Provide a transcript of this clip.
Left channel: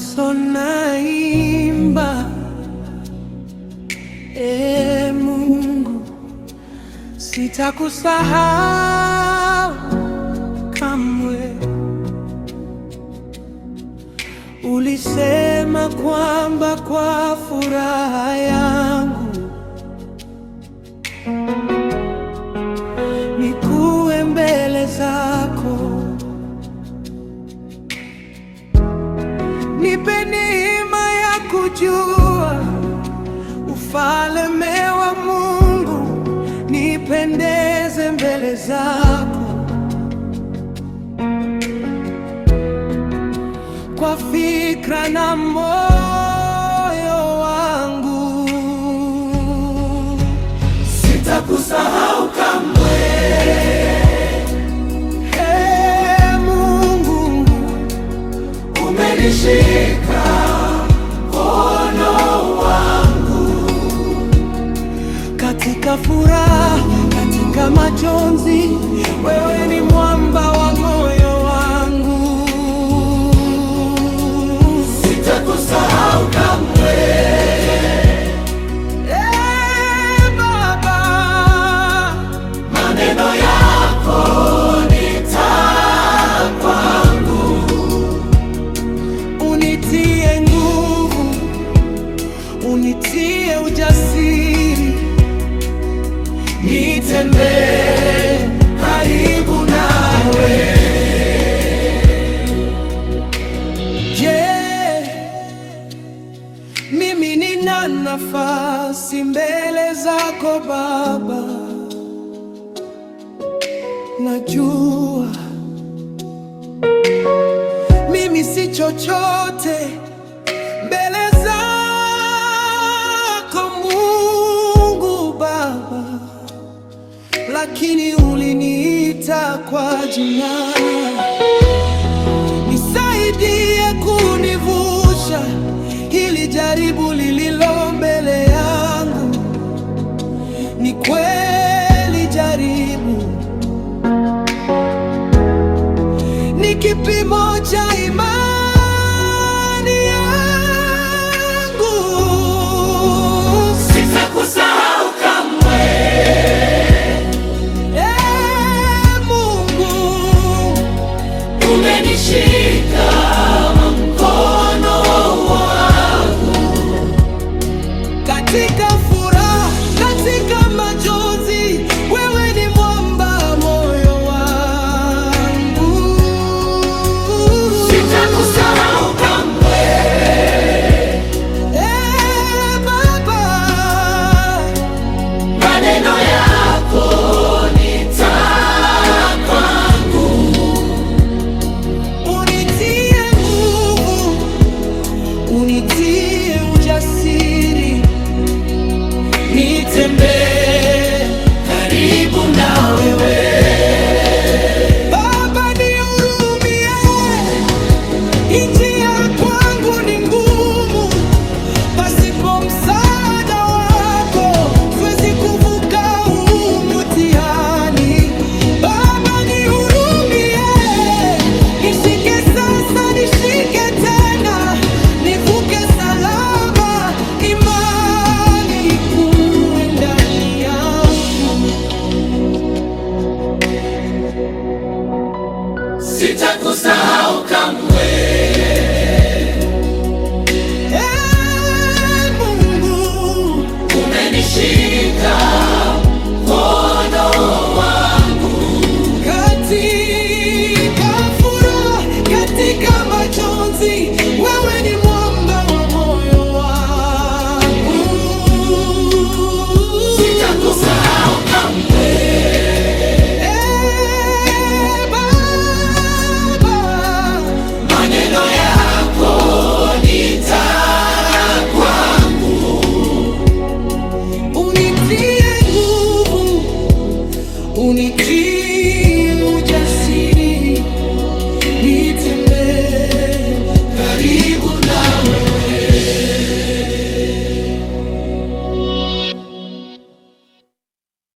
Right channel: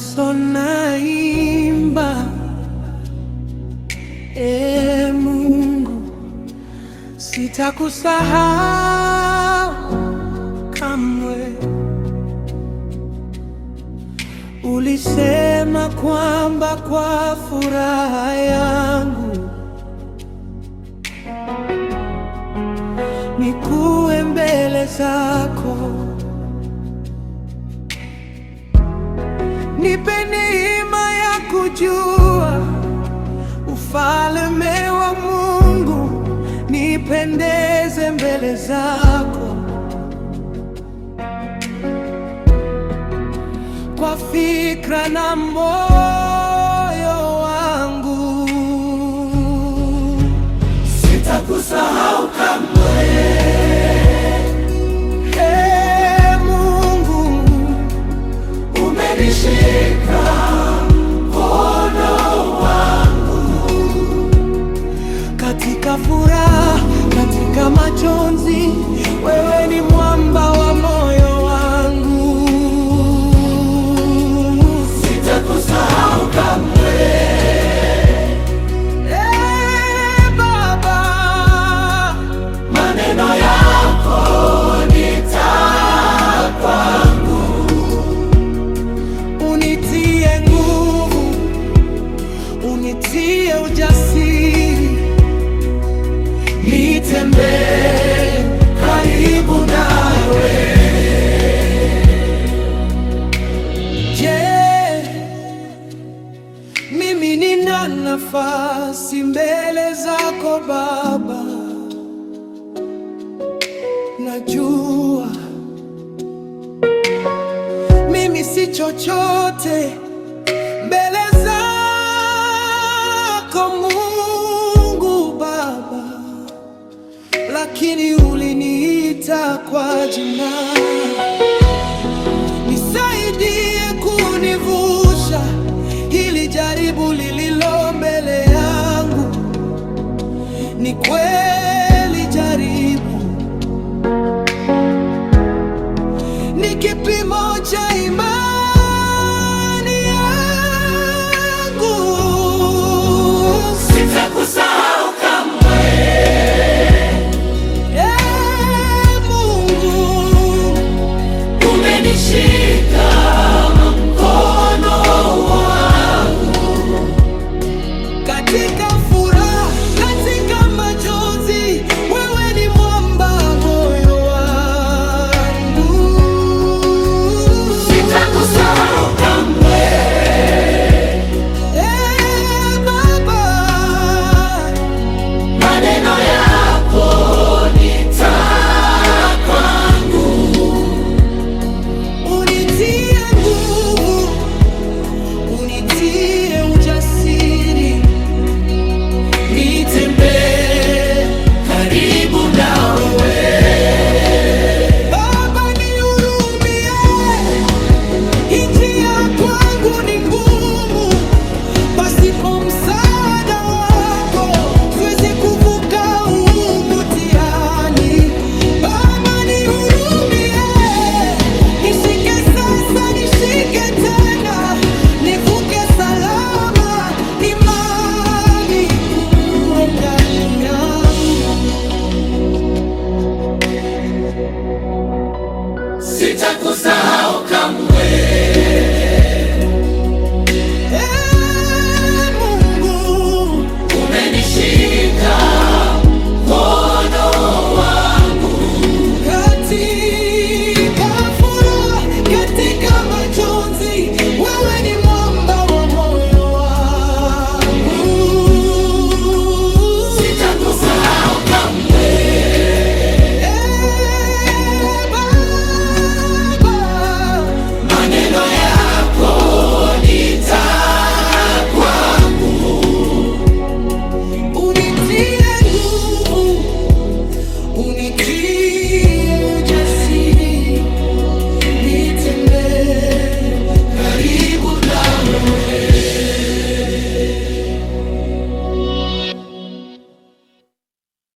Nelson naimba, Mungu, sitakusahau kamwe. Ulisema kwamba kwa furaha yangu nikuwe mbele zako. Nipe neema ya kujua ufalme wa Mungu, nipendeze mbele zako. Kwa fikra na moyo wangu, sitakusahau kamwe. Mungu, umenishika mkono wangu, katika furaha, katika majonzi, wewe ni mwamba wa moyo wangu. Unitie nguvu, unitie ujasiri, nitembee karibu nawe. Je, mimi nina nafasi mbele zako Baba? Najua mimi si chochote mbele zako Mungu Baba, lakini uliniita kwa jina. Nisaidie kunivusha hili jaribu lililo mbele yangu. Ni kweli jaribu ni kipimo cha imani yangu. Sitakusahau kamwe. Mungu, umenishika mkono wangu, katika furaha, katika majonzi, wewe ni mwamba moyo wangu. Unitie ujasiri, nitembee karibu na wewe. Baba, nihurumie, njia kwangu ni ngumu, pasipo msaada wako siwezi kuvuka huu mtihani. Baba, nihurumie, nishike sasa, nishike tena, nivuke salama, imani kuwe ndani yangu. Sitakusahau kamwe. Mungu, umenishika mkono wangu, katika furaha, katika majonzi, wewe ni mwamba wa moyo wangu. Sitakusahau kamwe. Baba, maneno yako ni taa kwangu. Unitie nguvu, unitie ujasiri, nitembee